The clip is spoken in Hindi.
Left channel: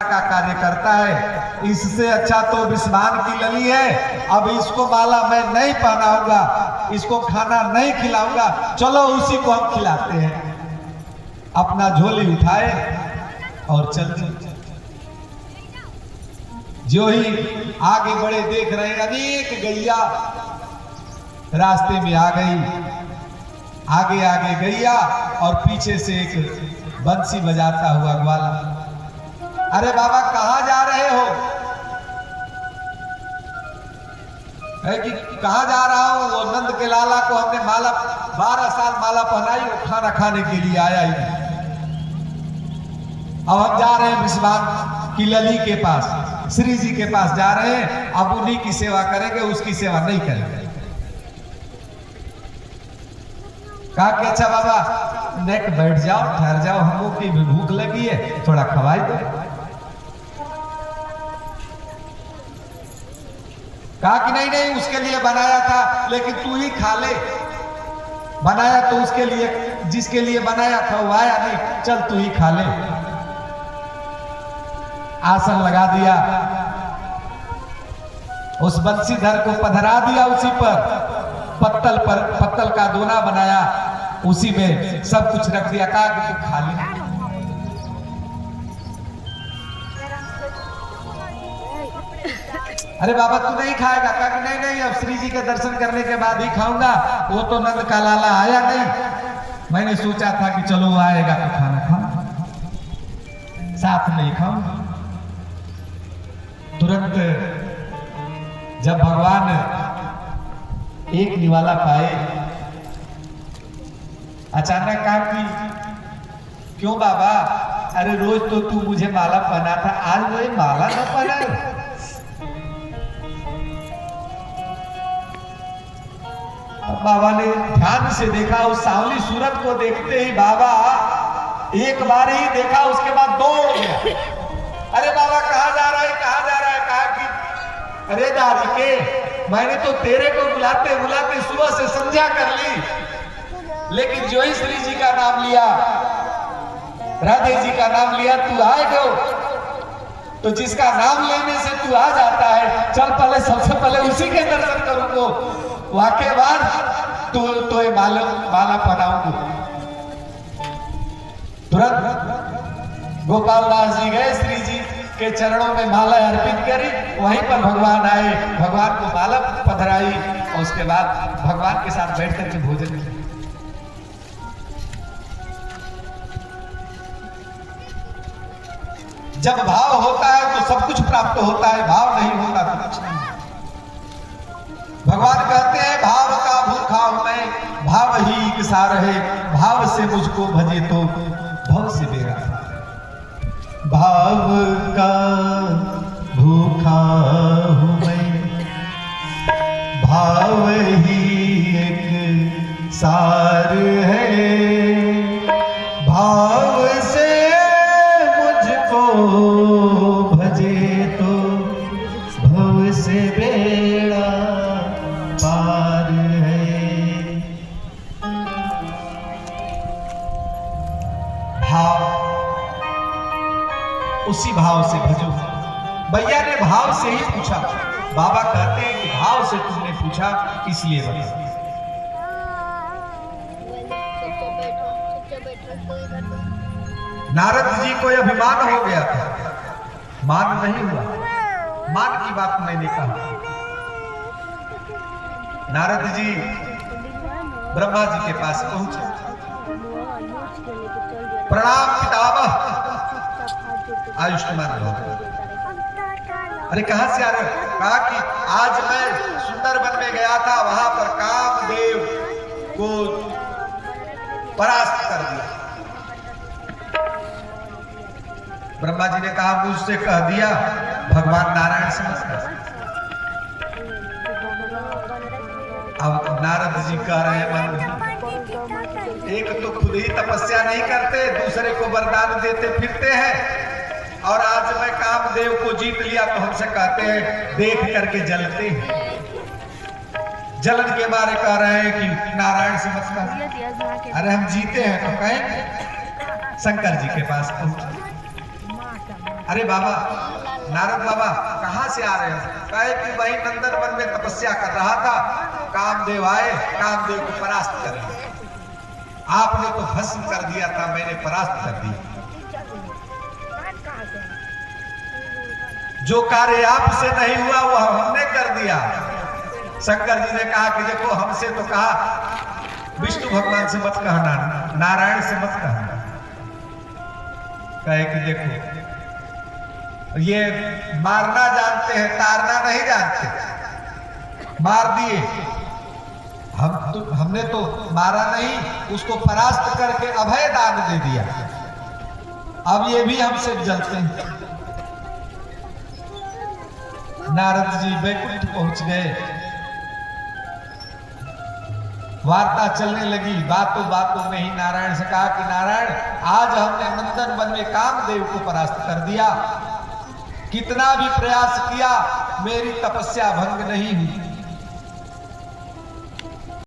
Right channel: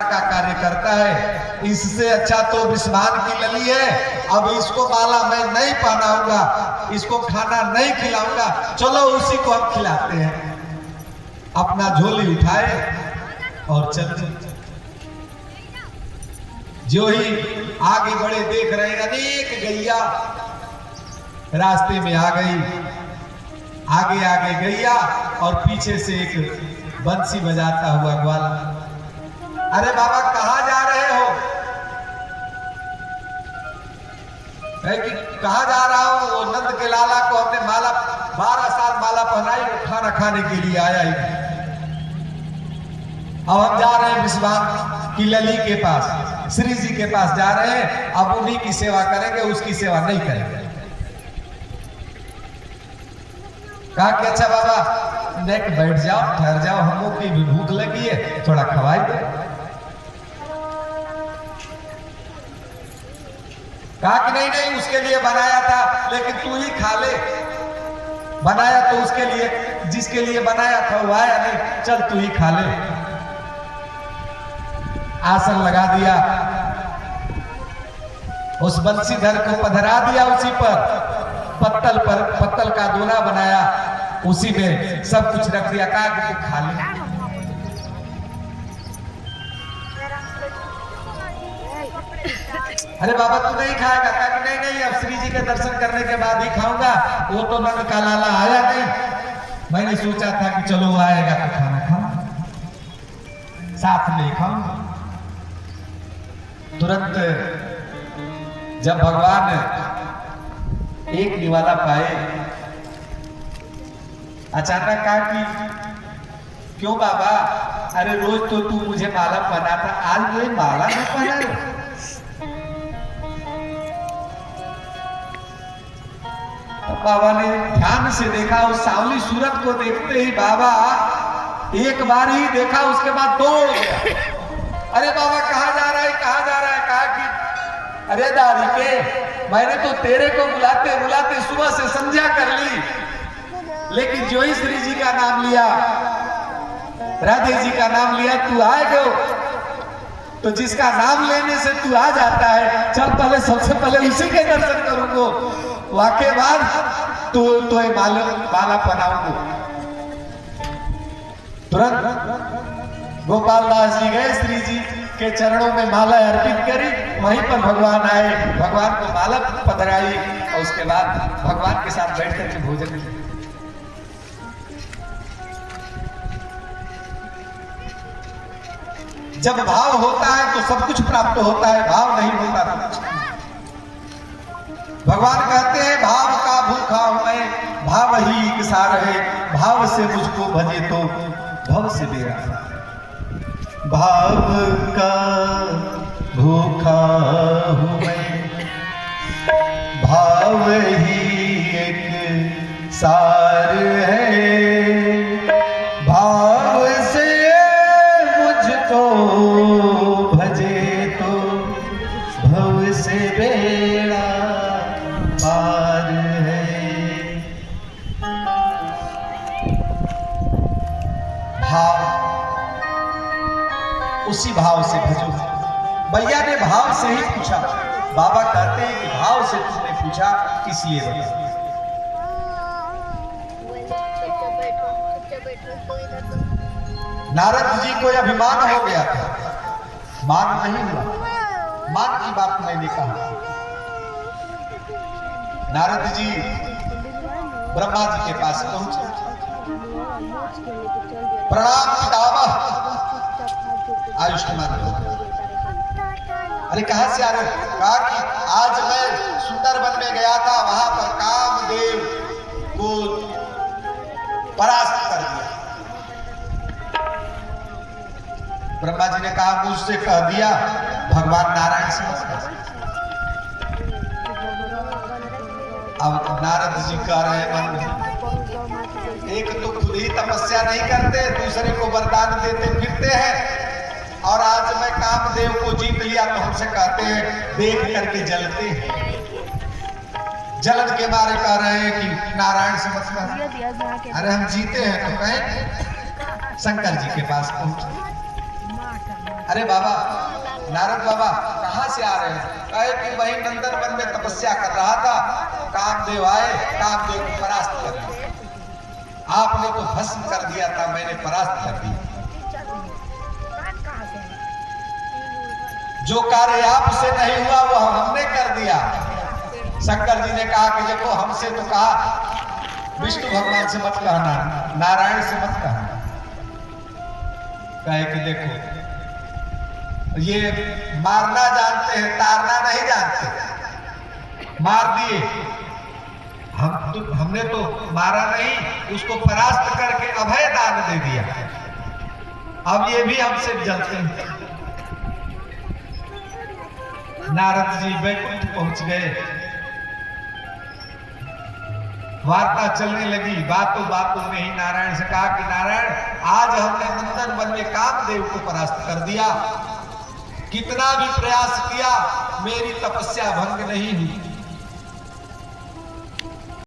का कार्य करता है। इससे अच्छा तो विस्मान की लली है। अब इसको माला मैं नहीं पहनाऊंगा, इसको खाना नहीं खिलाऊंगा, चलो उसी को हम खिलाते हैं। अपना झोली उठाए और चल दिए। जो ही आगे बढ़े देख रहे अनेक गैया रास्ते में आ गई। आगे आगे गैया और पीछे से एक बंसी बजाता हुआ ग्वाला। अरे बाबा कहां जा रहे हो? है कि कहां जा रहा हूं? वो नंद के लाला को हमने माला 12 साल माला पहनाई, वो खाना खाने के लिए आया ही। अब हम जा रहे हैं विश्वान की लली के पास, श्री जी के पास जा रहे हैं। अब उन्हीं की सेवा करेंगे, उसकी सेवा नहीं करेंगे। कहा कि अच्छा बाबा नेक बैठ जाओ, ठहर जाओ, हम लोग की भी भूख लगी है, थोड़ा खवाई दो। कहा कि नहीं नहीं, उसके लिए बनाया था, लेकिन तू ही खा ले। बनाया तो उसके लिए, जिसके लिए बनाया था वो आया नहीं, चल तू ही खा ले। आसन लगा दिया, उस बंसीधर को पधरा दिया उसी पर, पत्तल का दोना बनाया, उसी में सब कुछ रख दिया। कहा कि तू खा ले। अरे बाबा तू नहीं खाएगा? कहा कि नहीं नहीं, अब श्री जी के दर्शन करने के बाद ही खाऊंगा। वो तो नंद का लाला आया नहीं, मैंने सोचा था कि चलो वो आएगा तो खाना खाऊं, साथ में खाऊंगा। तुरंत जब भगवान एक निवाला पाए, अचानक कहा कि क्यों बाबा? अरे रोज तो तू मुझे माला पहना था, आज मुझे माला न पहना। बाबा ने ध्यान से देखा, उस सांवली सूरत को देखते ही बाबा एक बार ही देखा, उसके बाद दौड़ गया। अरे बाबा कहां जा रहा है, कहां जा रहा है? कहा कि अरे दादी के, मैंने तो तेरे को बुलाते बुलाते सुबह से संध्या कर ली, लेकिन जो ही श्री जी का नाम लिया, राधे जी का नाम लिया, तू आए गो। तो जिसका नाम लेने से तू आ जाता है, चल पहले सबसे पहले उसी के दर्शन करूंगा, वाके बाद तो माला पहनाऊंगा। तुरंत गोपाल दास जी गए, श्री जी के चरणों में माला अर्पित करी, वहीं पर भगवान आए, भगवान को माला पधराई और उसके बाद भगवान के साथ बैठ करके भोजन किया। जब भाव होता है तो सब कुछ प्राप्त होता है, भाव नहीं होता तो कुछ नहीं। भगवान कहते हैं भाव का भूखा हूं मैं, भाव ही एक सार है, भाव से मुझको भजे तो भव से बेड़ा। भाव का भूखा हूं मैं, भाव ही एक सार है, भाव से मुझको भजे तो भव से बेड़ा पार है। भाव, उसी भाव से भजो। भैया ने भाव से ही पूछा। बाबा कहते हैं कि भाव से तुमने पूछा इसलिए बता। नारद जी को अभिमान हो गया था, मान नहीं हुआ। मान की बात मैंने कहा। नारद जी ब्रह्मा जी के पास पहुंचे। प्रणाम पितामह, आयुष्मान भव। अरे कहां से आ गए? कहा कि आज मैं सुंदरवन में गया था, वहां पर कामदेव को परास्त कर दिया। ब्रह्मा जी ने कहा मुझसे कह दिया भगवान नारायण से। अब नारद जी कह रहे हैं, एक तो खुद ही तपस्या नहीं करते, दूसरे को वरदान देते फिरते हैं, और आज मैं कामदेव को जीत लिया तो हमसे कहते हैं देख करके जलते हैं। जलन के बारे कह रहे हैं कि नारायण से मतलब। अरे हम जीते हैं तो कहें। शंकर जी के पास पहुंचे। अरे बाबा, नारद बाबा कहाँ से आ रहे हैं? कहे कि वही नंदन वन में तपस्या कर रहा था, कामदेव आए, कामदेव को परास्त कर दिया। आपने तो भस्म कर दिया था, मैंने परास्त कर दिया। जो कार्य आपसे नहीं हुआ वो हमने कर दिया। शंकर जी ने कहा कि देखो, हमसे तो कहा विष्णु भगवान से मत कहना, नारायण से मत कहना। कहे कि देखो, ये मारना जानते हैं, तारना नहीं जानते। मार दिए, हमने तो मारा नहीं, उसको परास्त करके अभय दान दे दिया। अब ये भी हमसे जलते हैं। नारद जी वैकुंठ पहुंच गए। वार्ता चलने लगी। बातों में ही नारायण से कहा कि नारायण, आज हमने नंदन वन में कामदेव को परास्त कर दिया। कितना भी प्रयास किया, मेरी तपस्या भंग नहीं हुई।